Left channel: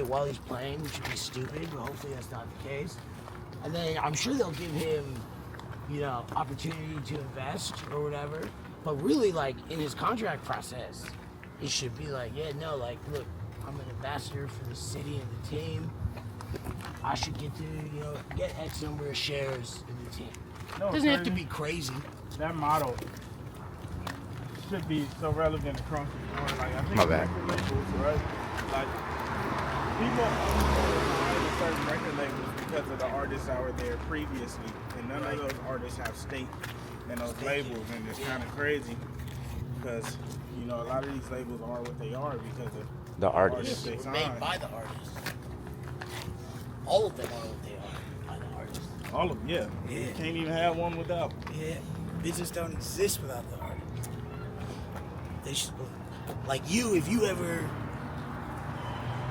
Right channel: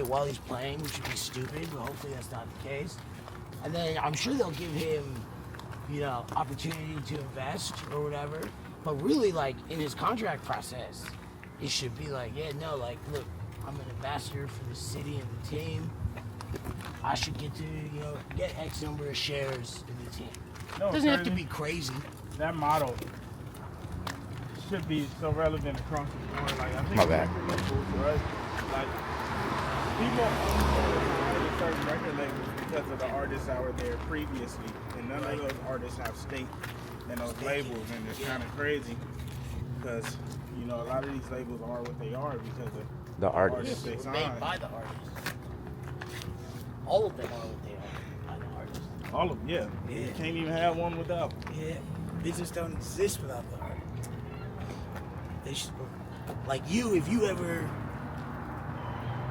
while he's playing, which would be stupid, but hopefully that's not the case. And then I'm sure they'll give him, opportunity to invest or whatever. But really, like, in his contract process, it should be like, look, I'm an ambassador for the city and the team. I should get to, get X number of shares in the team. No, it doesn't have to be crazy. That model should be so relevant across the board. Like, I think My bad. record labels, right? Like, people only buy certain record labels because of the artists that were there previously, and none of those artists have stake in those labels, and it's kind of crazy because a lot of these labels are what they are because of The artists. They were made by the artists. All of them are what they are by the artists. All of them, yeah. You can't even have one without. Yeah, business don't exist without the artists. They should, like you, if you ever,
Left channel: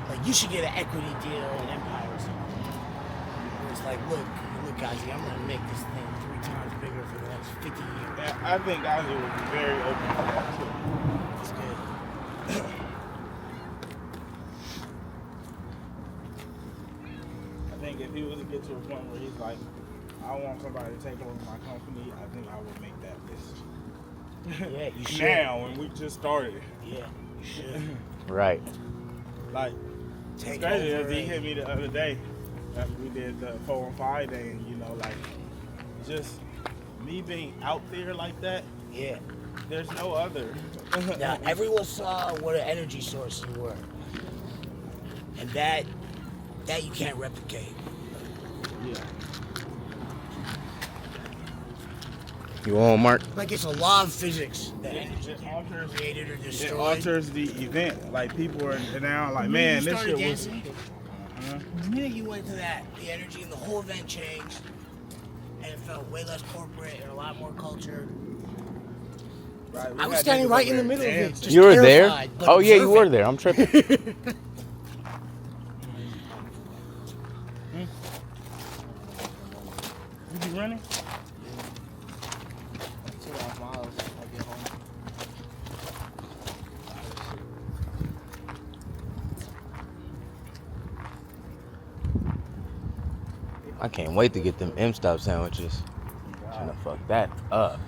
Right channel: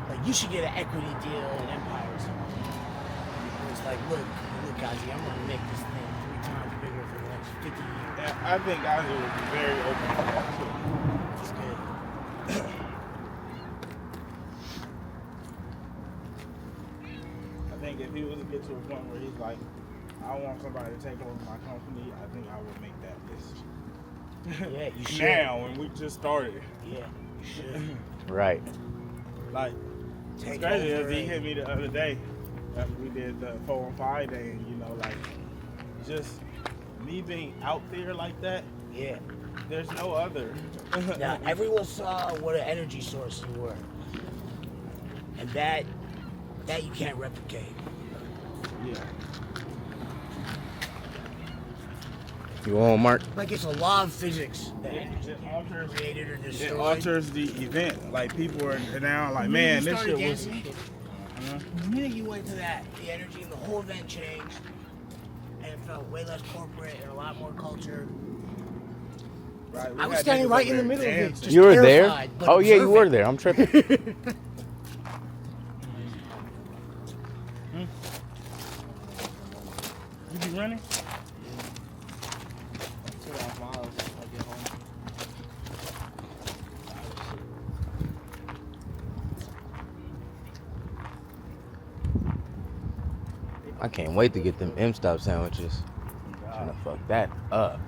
like you should get an equity deal in Empire or something. Where it's like, look, Gazi, I'm gonna make this thing 3 times bigger for the next 50 years. Yeah, I think Gazi would be very open to that too. Which is good. I think if he was to get to a point where he's like, I want somebody to take over my company, I think I would make that list. Yeah, you should. Now, when we just started. Yeah, you should. Right. Like, it's crazy as he hit me the other day after we did the 4-on-5 day, and just me being out there like that. Yeah. There's no other. Now, everyone saw what an energy sources were. And that you can't replicate. Yeah. You on, Mark? Like, it's a law of physics that It just alters, created or destroyed. it alters the event. Like, people are now like, man, this shit was... The minute you went to that, the energy, the whole event changed. And it felt way less corporate and a lot more culture. Right, I was standing right in the middle of it. just You were there? terrified, but Oh, yeah, you were observing. there. I'm tripping. You be running? 2.5 miles if I get home. I can't wait to get them M-Stop sandwiches. Trying to fuck that up.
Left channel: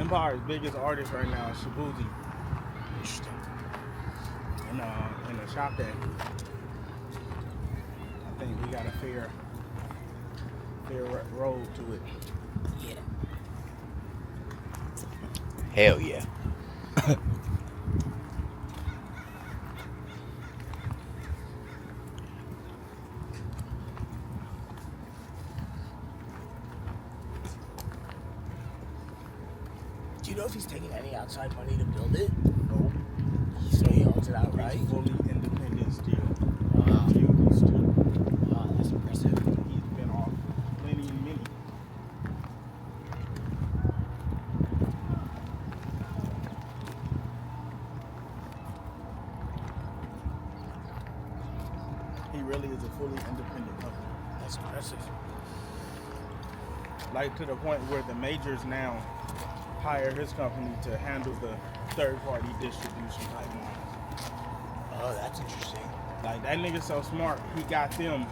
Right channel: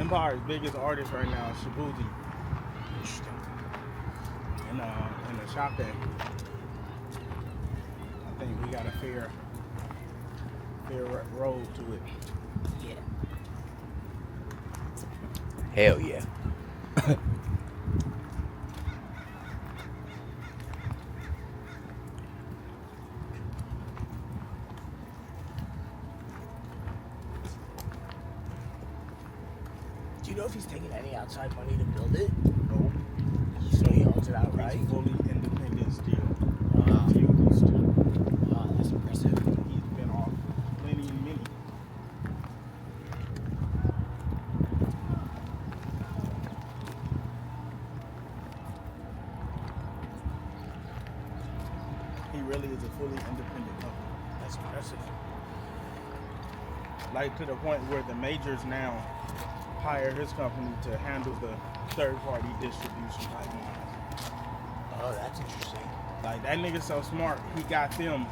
Empire's biggest artist right now is Shabuzi. In the shop day. I think we got a fair road to it. Yeah. Hell yeah. Do you know if he's taking any outside money to build it? No. So he owns it outright? He's fully independent still. Wow. He's used to. Wow, that's impressive. He's been off plenty and many. He really is a fully independent company. That's impressive. Like, to the point where the majors now hire his company to handle the third-party distribution pipelines. Oh, that's interesting. Like, that nigga's so smart, he got them,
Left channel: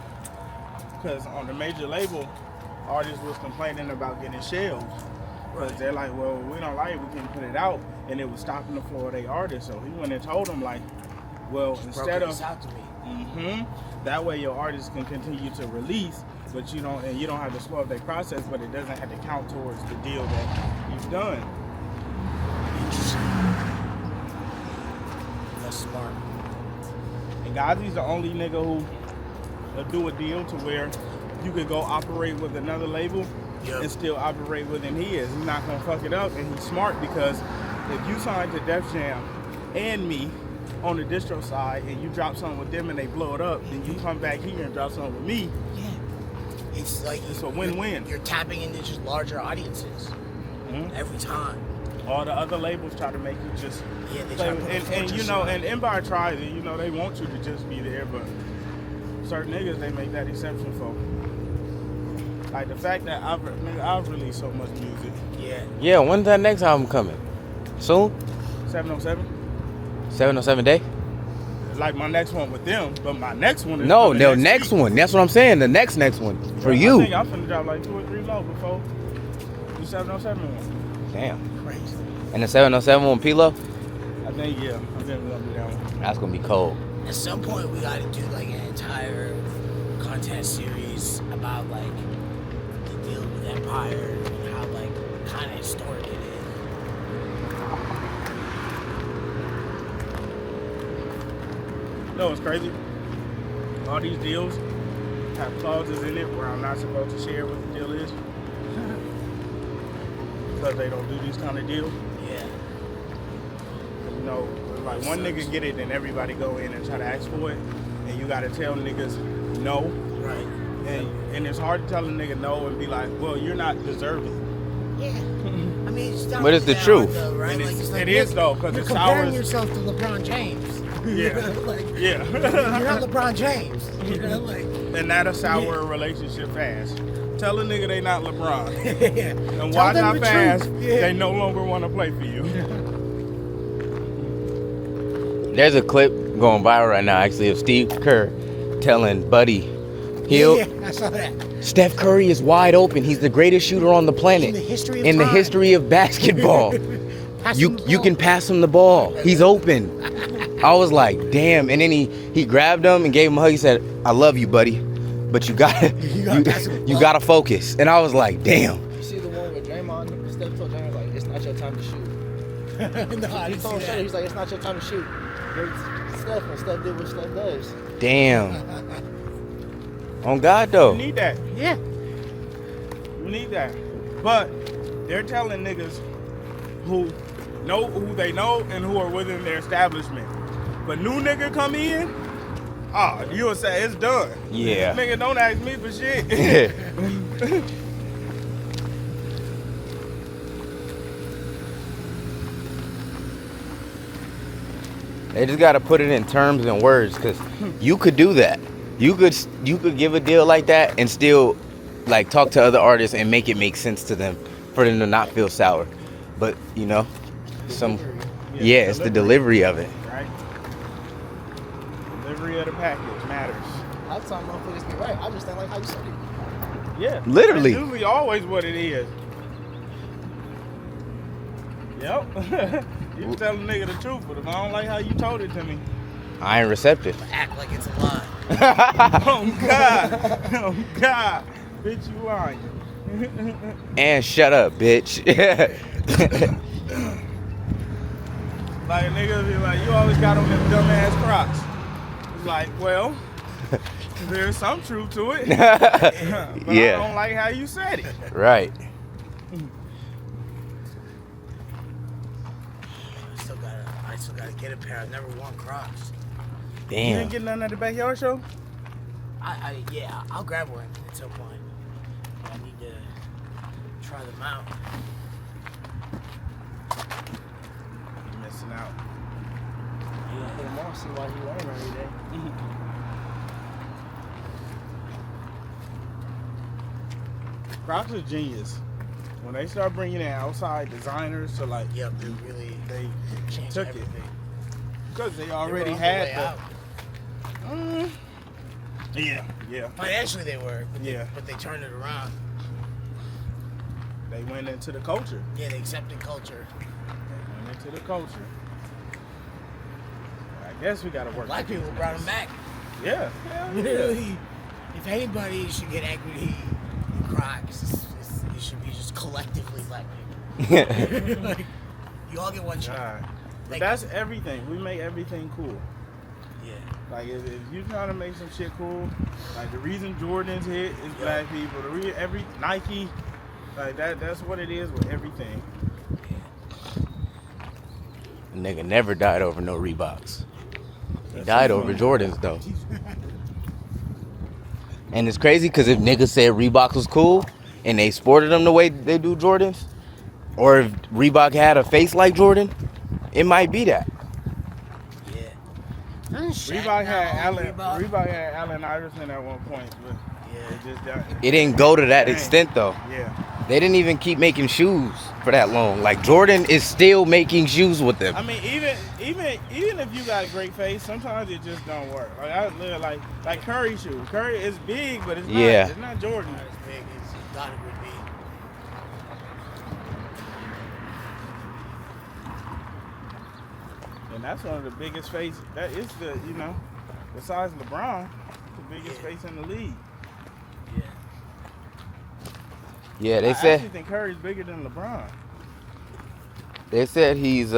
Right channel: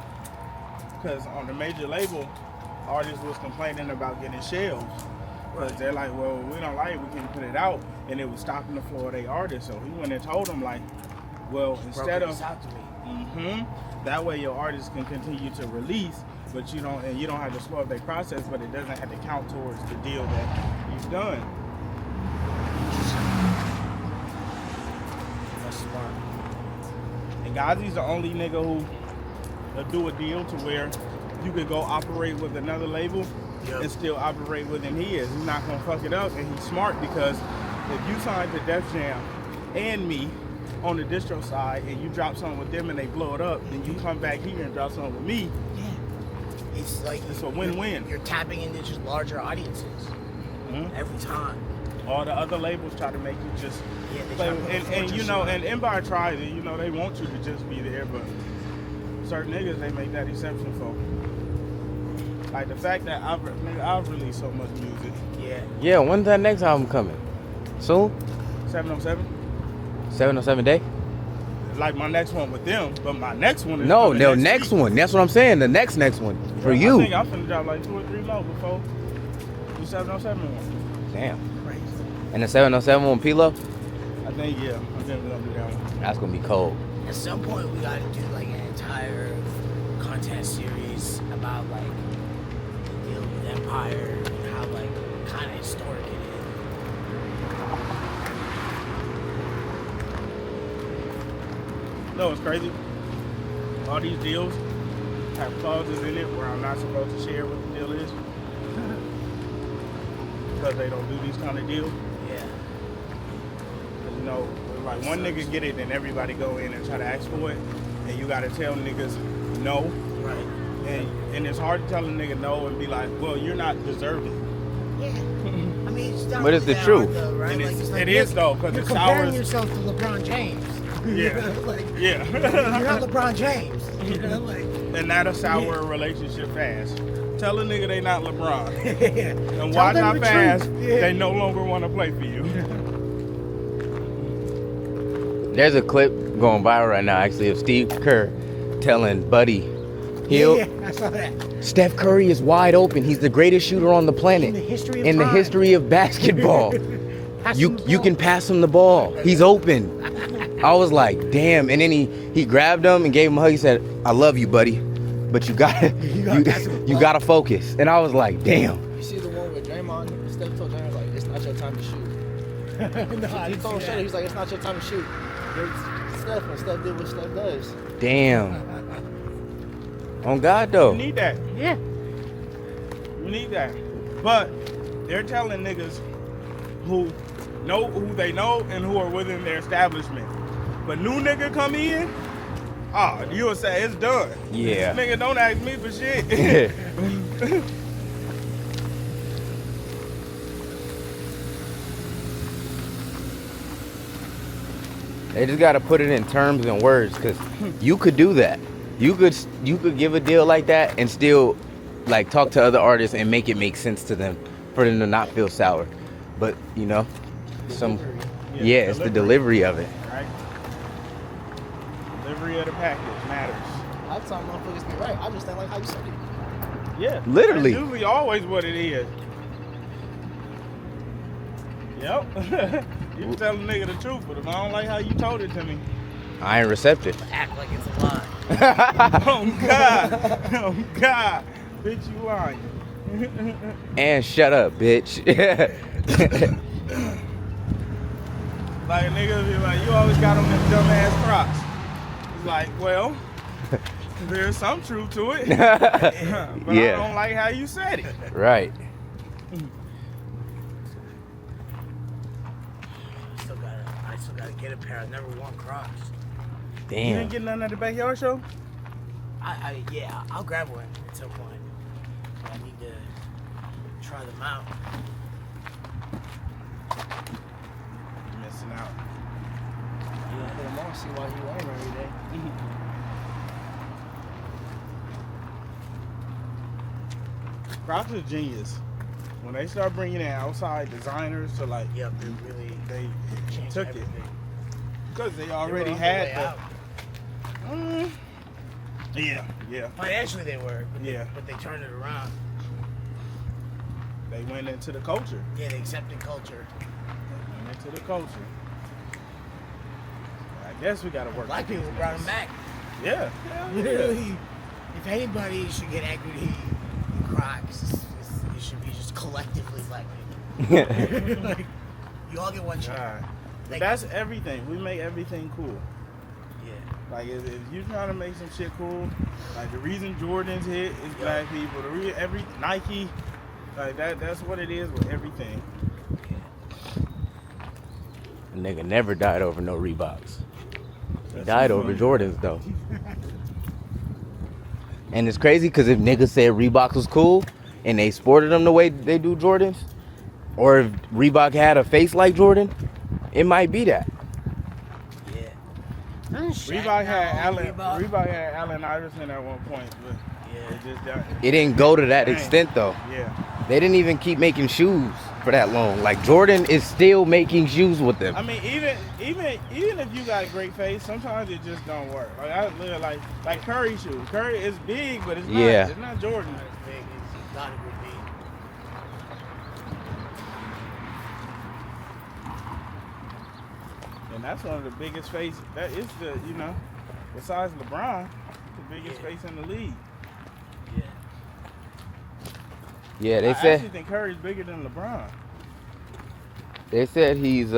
because on the major label, artists was complaining about getting shelves. Because they're like, well, we don't like it, we can't put it out, and it was stopping the flow of their artists. So he went and told them, like, well, instead of... out to me. That way your artists can continue to release, but you don't have to slow up their process, but it doesn't have to count towards the deal that you've done. That's smart. And Gazi's the only nigga who will do a deal to where you could go operate with another label and still operate within his. He's not gonna fuck it up, and he's smart because if you sign to Def Jam and me on the distro side and you drop something with them and they blow it up, then you come back here and drop something with me. Yeah. It's like It's a win-win. You're tapping into just larger audiences every time. All the other labels try to make you just they play try with, to put and the you know, fortress and Empire tries it. You know, they want you to just be there, but certain niggas they make that exception for. Like the fact that I've released so much music. Yeah. Yeah, when's that next album coming? Soon? 707. 707 Day? Like my next one with them, but my next one is No, coming the next week. one. That's what I'm saying. The next one for you. I think I'm finna drop like 2 or 3 more before the 707 one. Damn. Crazy. And the 707 one, P-Lo? I think we're gonna do that one. That's gonna be cold. At some point, we got to do like an entire content series about like the deal with Empire and how like kind of historic it is. No, it's crazy. All these deals have clauses in it where I'm not supposed to share what the deal is because they don't do these kind of deals. Yeah. 'Cause, you know, like one nigga get it, then everybody go in and try to ask for it, and you gotta tell niggas no. Right. And it's hard to tell a nigga no and be like, well, you're not deserving. Yeah. I mean, it's not But it's the that truth. hard, though, right? And Like, it's, it's like, it is though, because you're it's comparing ours. yourself to LeBron James. Yeah. Like, Yeah. you're not LeBron James. You know, like. And that'll sour a relationship fast. Tell a nigga they not LeBron. Yeah. And Tell watch them how the fast truth. Yeah. they no longer want to play for you. There's a clip going viral right now, actually, of Steve Kerr telling Buddy Hield, Yeah, I saw that. Steph Curry is wide open. He's the greatest shooter on the planet. In the history of In the time. history of basketball. Pass you him the you ball. can pass him the ball. He's open. I was like, damn. And then he grabbed him and gave him a hug. He said, I love you, buddy, but you gotta you gotta focus. And I was like, damn. You see the one where Draymond, Steph told Draymond, like, it's not your time to shoot. No, I He didn't told see Shutter, that. he's like, it's not your time to shoot. Steph, and Steph did what Steph does. Damn. On God You though. need that. Yeah. You need that. But they're telling niggas who know who they know and who are within their establishment. But new nigga come in, you'll say it's done. Yeah. Nigga, don't ask me for shit. They just gotta put it in terms and words, cause you could do that. You could give a deal like that and still like talk to other artists and make it make sense to them for them to not feel sour. But you know, it's the delivery of it. Right? Delivery of the package matters. Half time motherfuckers be right. I just don't like how you said it. Yeah. Literally. That's usually always what it is. Yep. You can tell a nigga the truth, but if I don't like how you told it to me, I ain't receptive. Act like it's a lie. oh God, bitch, you lying. And shut up, bitch. Like a nigga be like, you always got on them dumbass Crocs. It's like, well, there's some truth to it, but Yeah. I don't like how you said it. Right. I still gotta get a pair of number 1 Crocs. You didn't Damn. get none at the backyard show? Yeah, I'll grab one at some point. I need to try them out. You're missing out. Put him on, see why he wear them every day. Crocs is genius. When they start bringing in outside designers to like, Yep, they really they changed took everything. it because they already They were on had their way out. Yeah. Financially they were, Yeah. but they turned it around. They went into the culture. Yeah, they accepted culture. They went into the culture. I guess we gotta work. Black with people these brought niggas. them back. Yeah. Hell yeah. Really, if anybody should get equity in Crocs, it should be just collectively black people. Like, you all get one shot. God. But Like- that's everything. We make everything cool. Yeah. Like if you're trying to make some shit cool, like the reason Jordans hit is black people. Every Nike, like that's what it is with everything. A nigga never died over no Reeboks. He That's died too over funny. Jordans though. And it's crazy because if niggas said Reebok was cool and they sported them the way they do Jordans, or if Reebok had a face like Jordan, it might be that. Reebok had Allen Iverson at one point, but It didn't go to that Dang. extent though. Yeah. They didn't even keep making shoes for that long. Like Jordan is still making shoes with them. I mean, even if you got a great face, sometimes it just don't work. Like I live like Curry shoes. Curry is big, but it's not. Yeah. It's not Jordan. It's big. It's not a good beat. And that's one of the biggest faces. That is the, besides LeBron, the biggest face in the league. Yeah. Yeah, I actually think Curry's bigger than LeBron. They said he's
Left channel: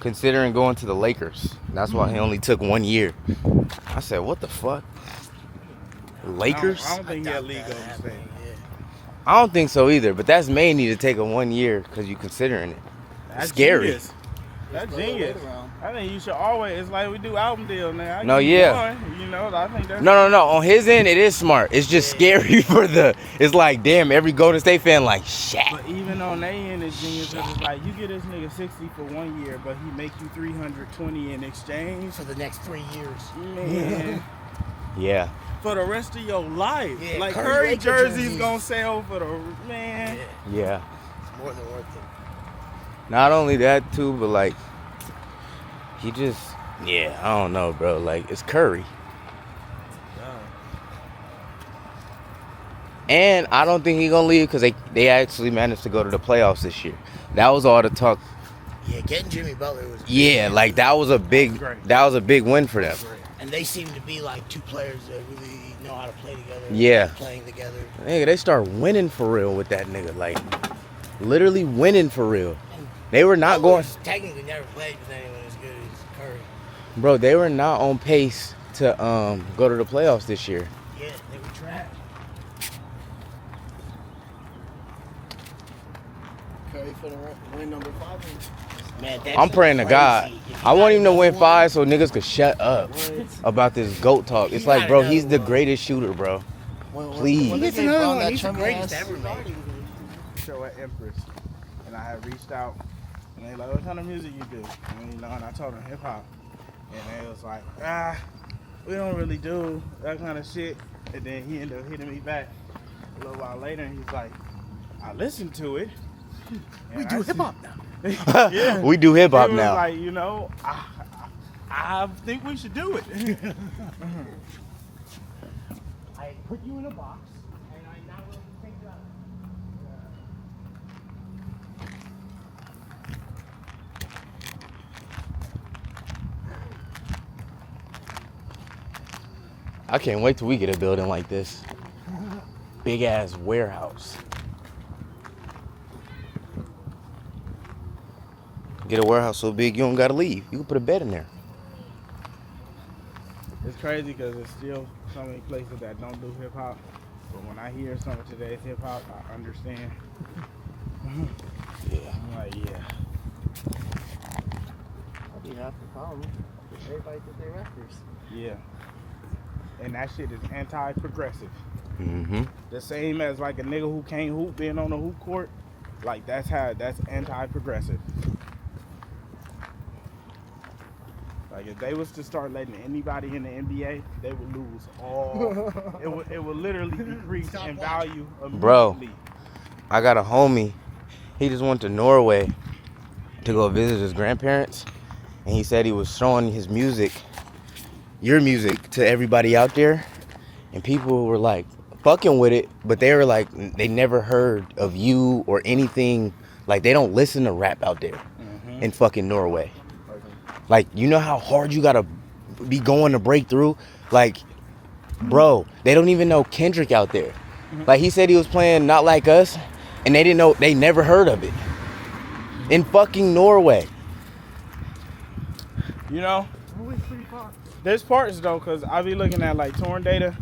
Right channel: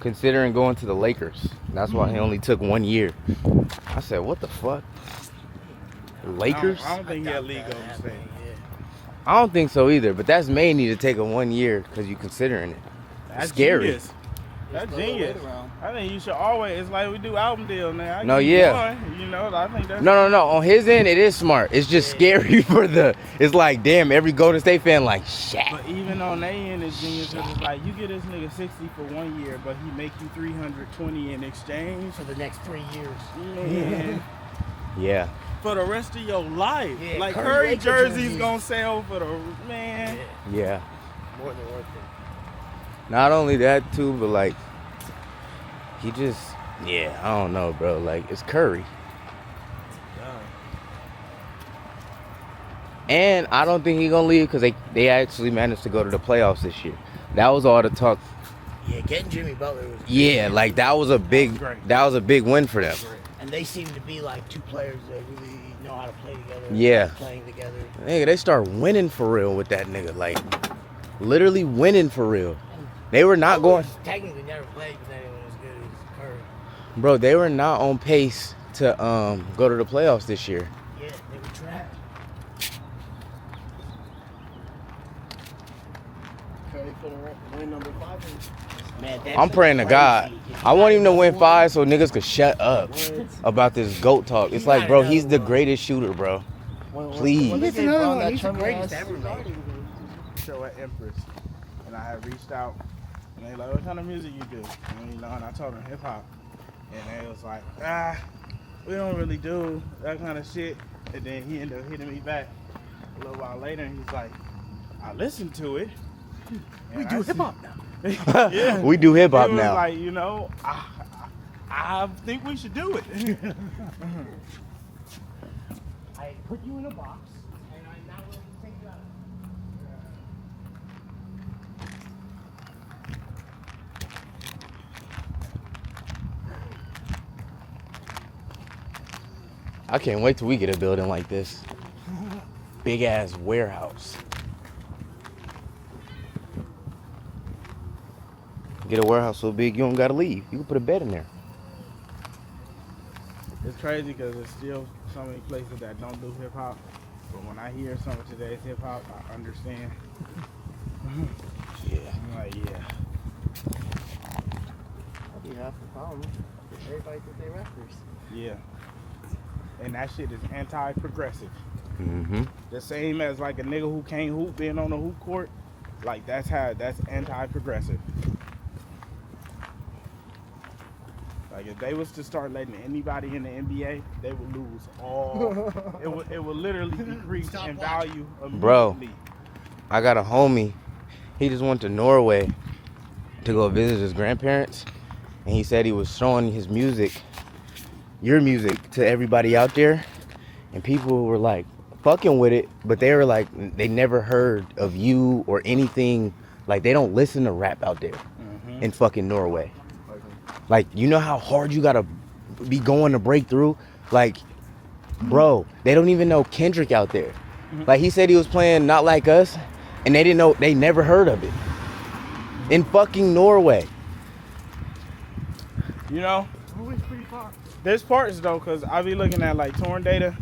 considering going to the Lakers. That's why he only took 1 year. I said, what the fuck? Lakers? I don't think he had league overstay. I don't think so either, but that's mainly to take a 1 year because you're considering it. That's scary. Genius. That's genius. I think you should always. It's like we do album deal now. No, yeah. I think that's. No. On his end, it is smart. It's just scary for the. It's like, damn, every Golden State fan like, Shaq. But even on their end, it's genius. It's like you get this nigga 60 for 1 year, but he make you 320 in exchange For the next 3 years. Man, Yeah. for the rest of your life. Yeah, Like Curry Curry Lakers jerseys jerseys. gonna sell for the man. Yeah. Yeah. It's more than worth it. Not only that too, but like, he just, yeah, I don't know, bro. Like, it's Curry. And I don't think he's gonna leave because they actually managed to go to the playoffs this year. That was all the talk. Yeah, getting Jimmy Butler was Yeah, like that was a big win for them. And they seem to be like two players that really know how to play together. Yeah. Playing together. Nigga, they start winning for real with that nigga. Like, literally winning for real. They were not going. Technically never played with anyone as good as Curry. Bro, they were not on pace to go to the playoffs this year. Yeah, they were trash. Curry for the win number 5. Man, I'm praying to God. I want him to win 5 so niggas could shut up about this GOAT talk. It's like, bro, he's the greatest shooter, bro. Please. He's another one. He's the greatest ever made. Show at Empress, and I had reached out, and they like, what kind of music you do? And I told them hip hop, and they was like, we don't really do that kind of shit. And then he ended up hitting me back a little while later, and he's like, I listened to it. We do hip hop now. Yeah, We do hip hop he was now. like, I think we should do it. I put you in a box, and I'm not going to take you out. I can't wait till we get a building like this. Big ass warehouse. Get a warehouse so big you don't gotta leave. You can put a bed in there. It's crazy because there's still so many places that don't do hip hop. But when I hear some of today's hip hop, I understand. Yeah. I'm like, yeah. That'd be half the problem. Everybody think they rappers. Yeah. And that shit is anti-progressive. Mm-hmm. The same as like a nigga who can't hoop being on the hoop court. Like that's anti-progressive. Like if they was to start letting anybody in the NBA, they would lose all. it would literally decrease in value immediately. Bro. I got a homie. He just went to Norway to go visit his grandparents. And he said he was showing his music, your music, to everybody out there. And people were like fucking with it. But they were like, they never heard of you or anything. Like they don't listen to rap out there in fucking Norway. Like, you know how hard you gotta be going to break through? Like, bro, they don't even know Kendrick out there. Like, he said he was playing Not Like Us, and they didn't know, they never heard of it. In fucking Norway. You know? There's parts though, because I be looking at like torn data,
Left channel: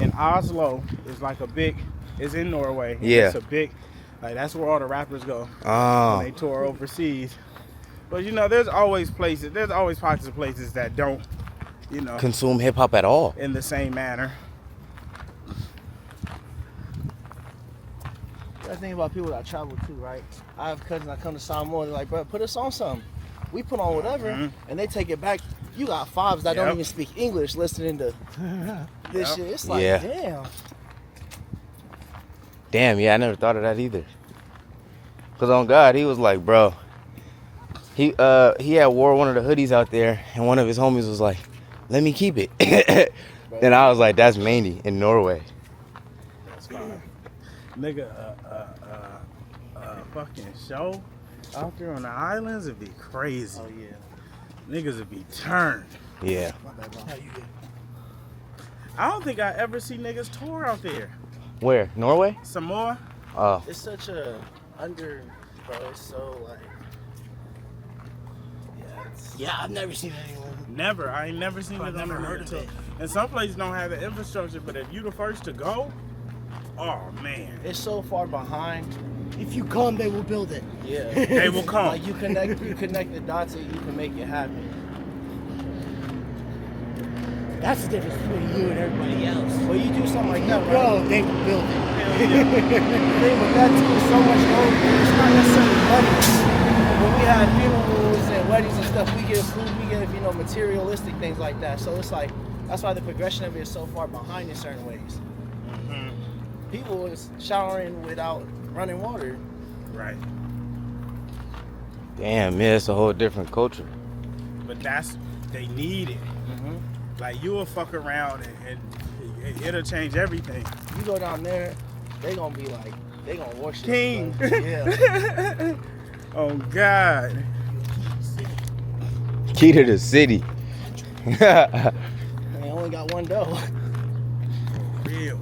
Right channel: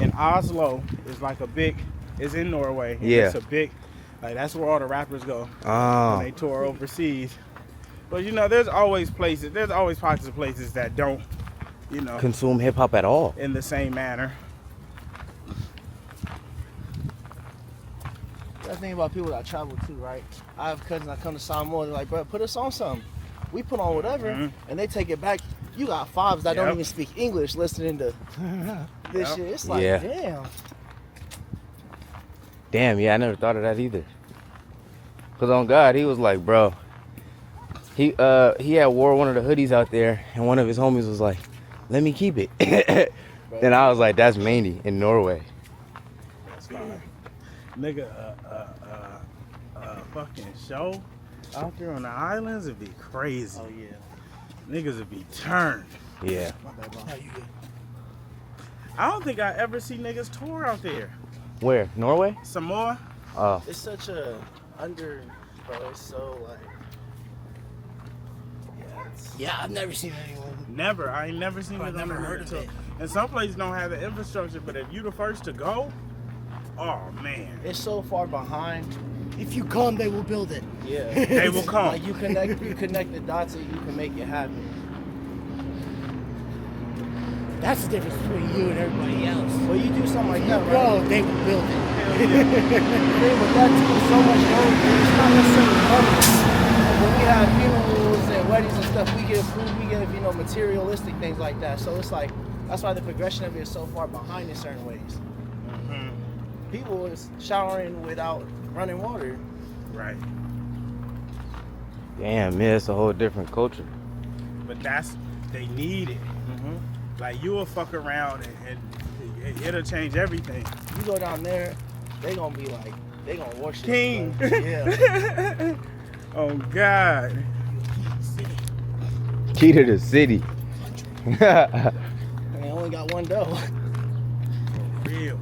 and Oslo is like it's in Norway. And Yeah. It's a big, like that's where all the rappers go when they tour overseas. But you know, there's always pockets of places that don't, Consume hip hop at all. in the same manner. I think about people that travel too, right? I have cousins that come to Samoan, they're like, bro, put us on something. We put on whatever, and they take it back. You got fives that don't Yep. even speak English listening to this Yeah. shit. It's like, Yeah. damn. Damn, yeah, I never thought of that either. Cause on God, he was like, bro, he had wore one of the hoodies out there, and one of his homies was like, let me keep it. And I was like, that's Mandy in Norway. That's fine. Nigga, fucking show out there on the islands would be crazy. Oh, yeah. Niggas would be turned. Yeah. My bad, bro. How you good? I don't think I ever see niggas tour out there. Where? Norway? Samoa? Oh. It's such a bro, it's so like, yeah, it's, Yeah, I've never seen anyone. Never. I ain't never seen I've niggas never on heard of tour. it. And some places don't have the infrastructure, but if you the first to go, oh man. it's so far behind. If you come, they will build it. Yeah. They will come. Like you connect the dots and you can make it happen. That's the difference between you and everybody else. Well, you do something like that, right? Bro, they will build it. Hell yeah. The thing with that too is so much gold. It's not necessarily money. When we have funerals and weddings and stuff, we give food, we give materialistic things like that. So it's like that's why the progression of it is so far behind in certain ways. Mhm. People was showering without running water. Right. Damn, yeah, it's a whole different culture. But they need it. Mm-hmm. Like you will fuck around and it'll change everything. You go down there, they gonna be like, they gonna worship King. you, bro. Yeah. Oh God. Key to the city. They only got one dough. Real.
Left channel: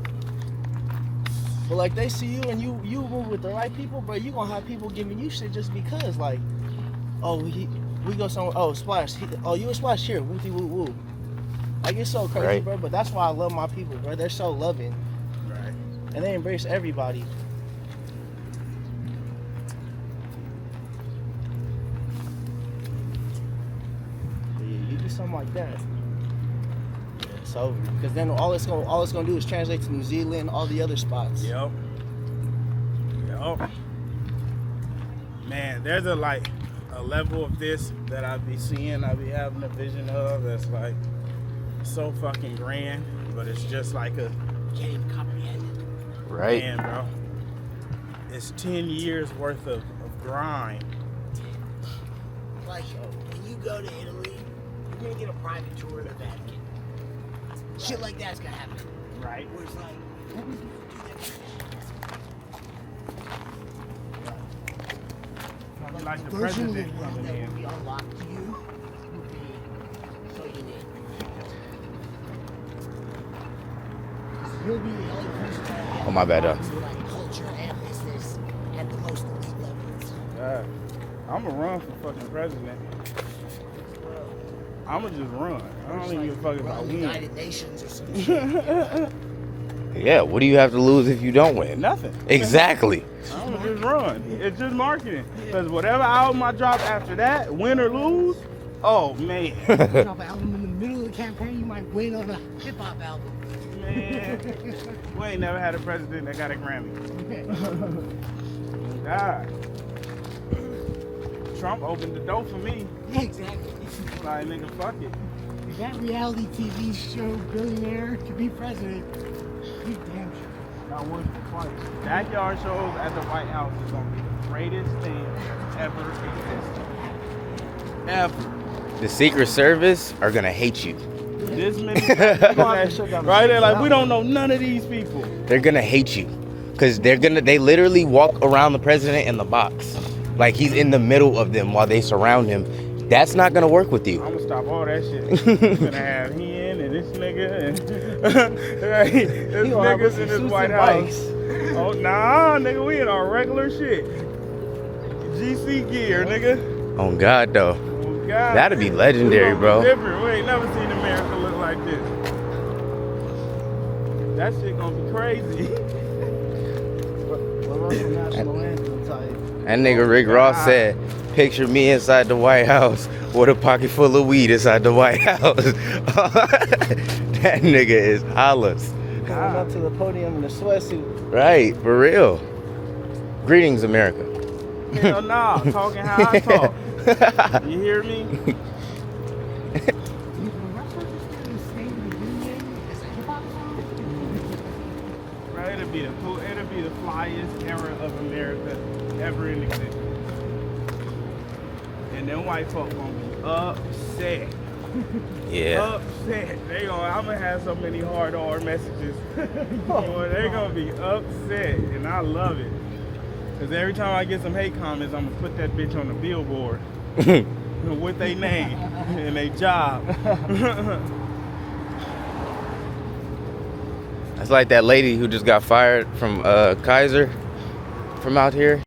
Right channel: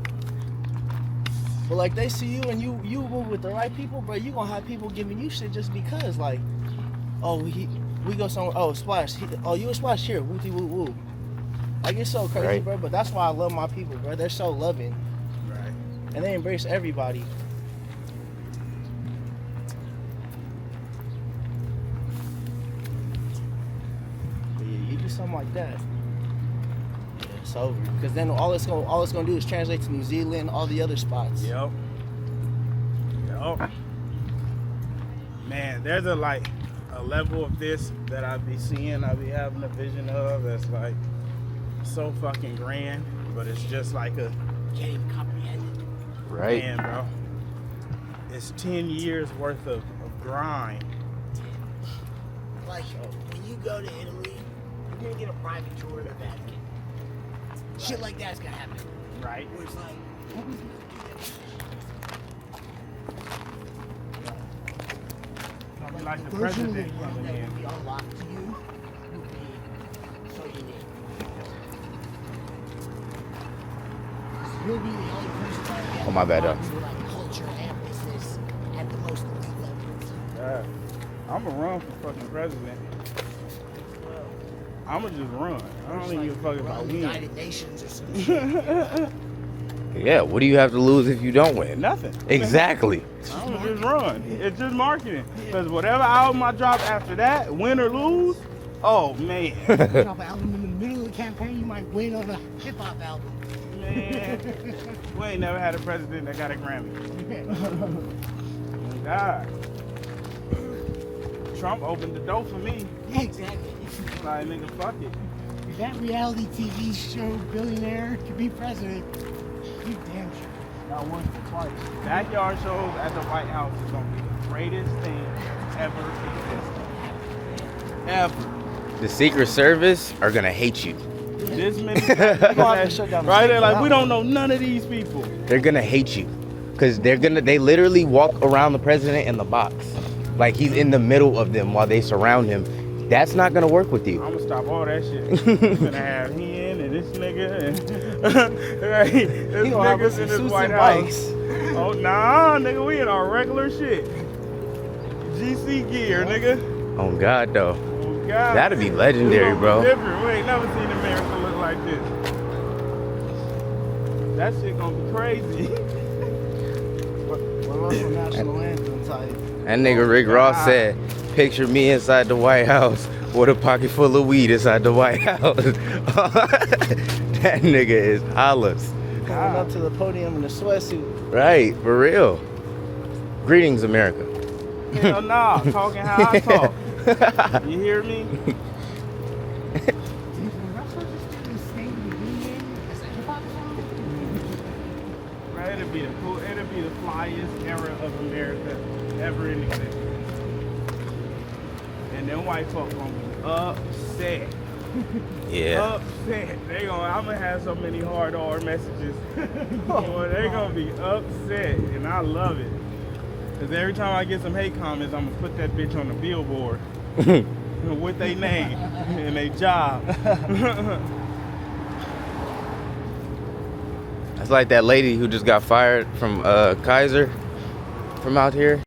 But like they see you and you move with the right people, bro, you gonna have people giving you shit just because, like, oh, we go somewhere, oh, Splash, oh, you a Splash here, woo woo woo. Like, it's so crazy, Right. bro, but that's why I love my people, bro. They're so loving, Right. and they embrace everybody. But yeah, you do something like that, yeah, it's over. Because then all it's gonna do is translate to New Zealand, all the other spots. Yep. Man, there's a level of this that I be seeing, I be having a vision of that's like so fucking grand, but it's just like a Can't even comprehend it. Right. man, bro. It's 10 years worth of grind. Like, when you go to Italy, you're gonna get a private tour of the Vatican. Shit like that's gonna happen. Right. Where it's like, what was Like the version of president the world coming that in. would be unlocked to you would be so unique. You'll be the only person that gets Oh, my bad, to like culture and business at the most elite levels. I'm gonna run for fucking president. I'm gonna just run. I don't even give a fuck if I Run the win. United Nations or some shit. You know? Yeah, what do you have to lose if you don't win? Nothing. Exactly. I'm gonna just run. It's just marketing. Because whatever album I drop after that, win or lose, oh man. Drop an album in the middle of the campaign, you might win on a hip hop album. Man, we ain't never had a president that got a Grammy. God. Trump opened the door for me. Yeah, exactly. Like, nigga, fuck it. If that reality TV show billionaire to be president, you damn sure. Not once but twice. Backyard shows at the White House is gonna be the greatest thing that's ever existed. Ever. The Secret Service are gonna hate you. This many niggas right there, like we don't know none of these people. They're gonna hate you. Cause they literally walk around the president in the box. Like he's in the middle of them while they surround him. That's not gonna work with you. I'm gonna stop all that shit. I'm gonna have him and this nigga and right, this niggas in this White House. Oh nah, nigga, we in our regular shit. GC gear, nigga. Oh God, though. Oh God. That'd be legendary, It's bro. different. We ain't never seen America look like this. That shit gonna be crazy. That nigga Rick Ross said, picture me inside the White House with a pocket full of weed inside the White House. That nigga is hollis. Coming up to the podium in a sweatsuit. Right, for real. Greetings, America. Hell nah, talking how I talk. You hear me? As a hip hop fan? It'll be the flyest era of America ever in existence. And them white folk gonna be upset. Yeah. Upset. I'm gonna have so many hard R messages. Boy, they gonna be upset, and I love it. Cause every time I get some hate comments, I'm gonna put that bitch on the billboard with their name and their job. It's like that lady who just got fired from Kaiser from out here.